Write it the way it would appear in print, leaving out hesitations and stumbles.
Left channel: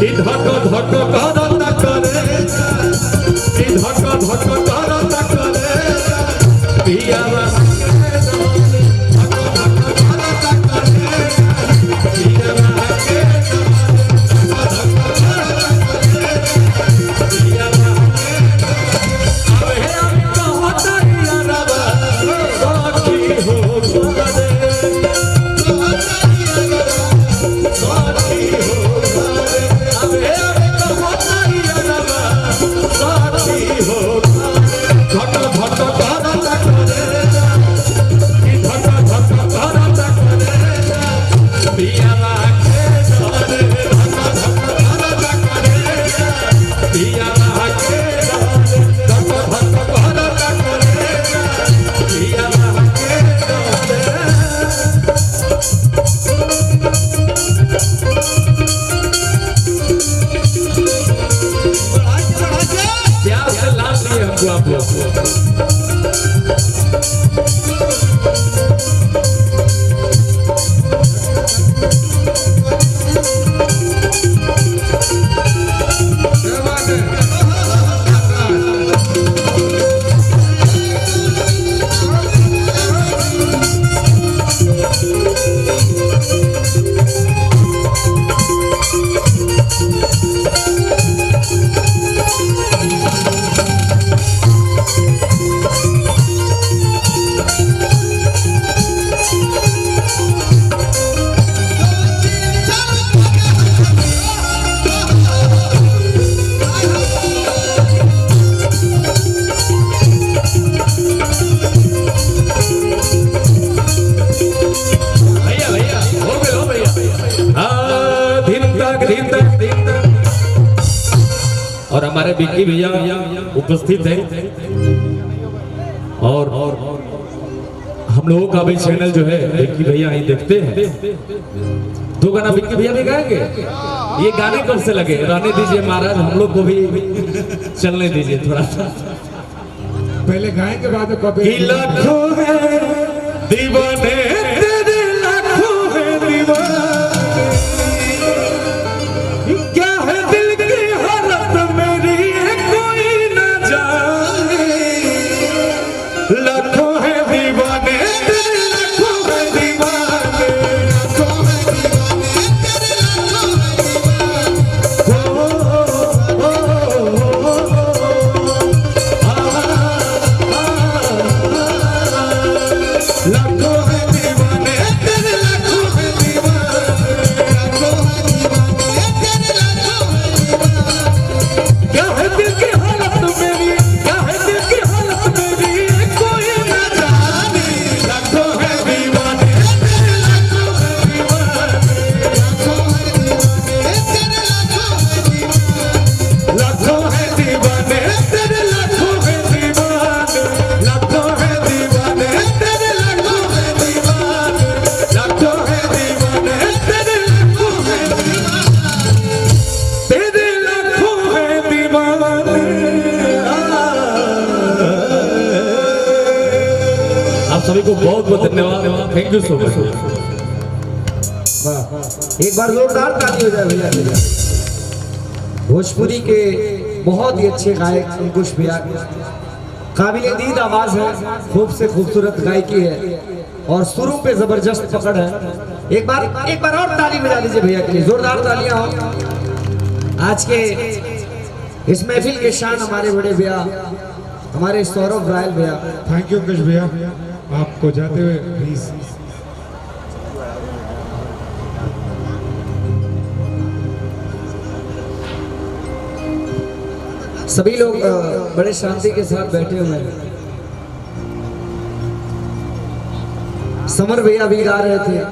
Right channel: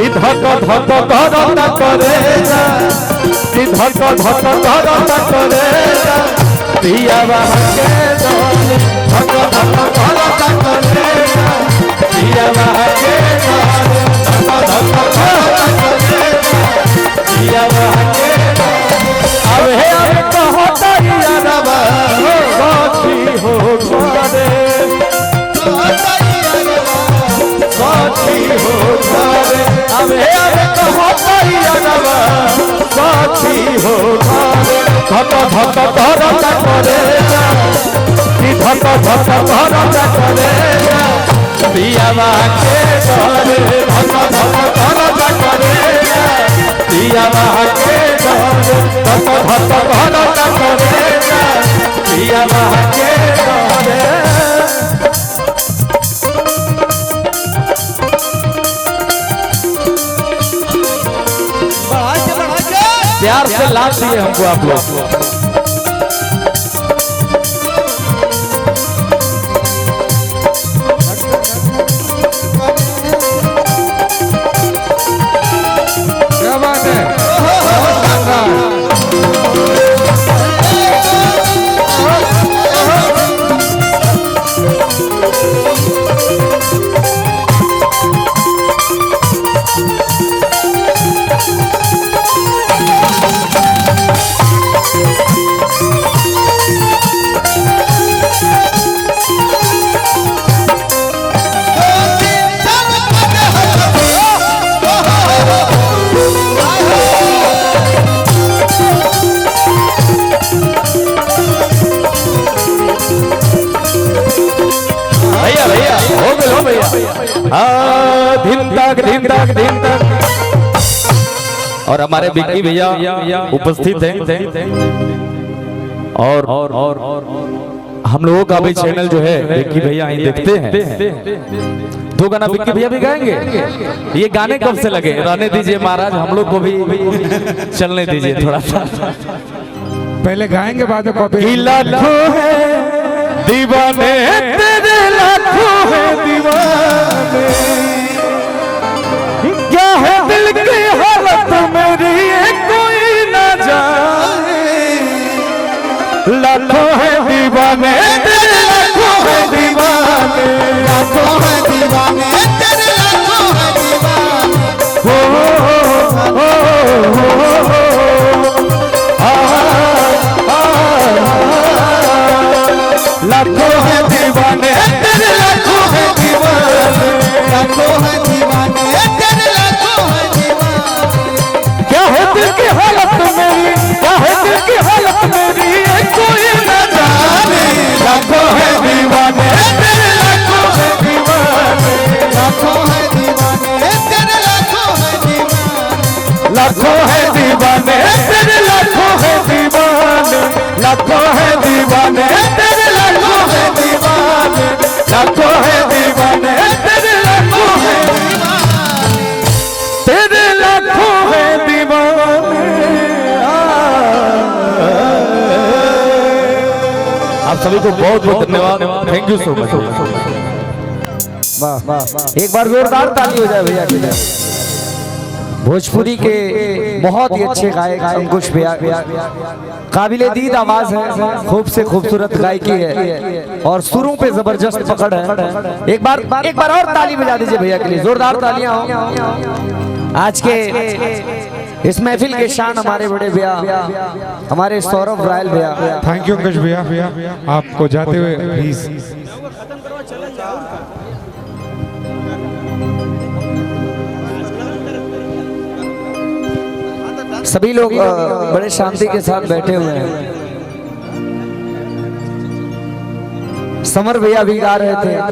धक धक करता करे जा धक धक करता करे जा पिया के धन धक धक करता करे जा पिया के धन धक धक करता करे जा पिया के अबे कहो तरिया रवा साथी हो घरे साथी हो घरे अबे कहो तरिया रवा साथी हो घरे धक धक करता करे जा धक धक करता करे जा पिया के धन धक धक करता करे जा पिया के धन धक धक करता करे जा पिया के धन प्यार से लाल दिए हमको आप लोग क्या बात है और हमारे बिक्की भैया उपस्थित हैं और हम लोगों का भी चैनल जो है बिक्की भैया देखते हैं। दो गाना बिक्की भैया भी गाएंगे। ये गाने कब से लगे रहने दीजिए महाराज हम लोग को भी चलने दीजिए थोड़ा सा पहले गाएंगे बाद में लाखों है दीवाने तेरे लाखों है दीवाने क्या है दिल की हालत मेरी कोई ना जाने लाखों है दीवाने तेरे लाखों है दीवाने लाखों है दीवाने तेरे लाखों है दीवाने लाखों है दीवाने तेरे लाखों है दीवाने लाखों है दीवाने तेरे लाखों है दीवाने क्या है दिल की हालत मेरी क्या है दिल की हालत मेरी कोई न जाने लाखों है दीवाने तेरे लाखों है दीवाने लाखों है दीवाने तेरे लाखों है दीवाने लाखों है दीवाने तेरे लाखों है दीवाने लाखों है दीवाने तेरे लाखों है दीवाने लाखों है दीवाने तेरे लाखों है तेरे लाखों है दीवाने। आप सभी को बहुत बहुत धन्यवाद थैंक यू सो मच। एक बार जोरदार ताली हो जाए भैया। भोजपुरी के बहुत ही अच्छे गायक अंकुश भैया काबिले दीद आवाज है खूब से खूबसूरत गायकी है और सुरों पे जबरदस्त पकड़ है। एक बार और ताली बजा दीजिए भैया के लिए जोरदार तालियां हो। आज के इस महफिल के शान हमारे बड़े भैया हमारे सौरभ राय भैया। थैंक यू अंकुश भैया आपको जाते हुए प्लीज सभी लोग बड़े शांति के साथ बैठे हुए हैं। समर भैया भी गा रहे थे।